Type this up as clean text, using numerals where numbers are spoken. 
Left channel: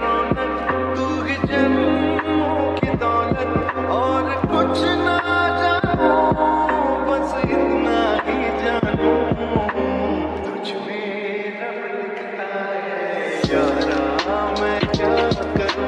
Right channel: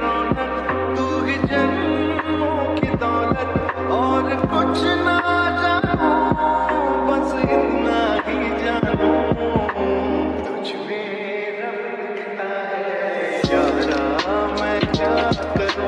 रौनक, तू ही जन्मों की दौलत, और कुछ ना जानूं, बस इतना ही जानूं, तुझ में रब दिखता है यारा, मैं क्या करूं।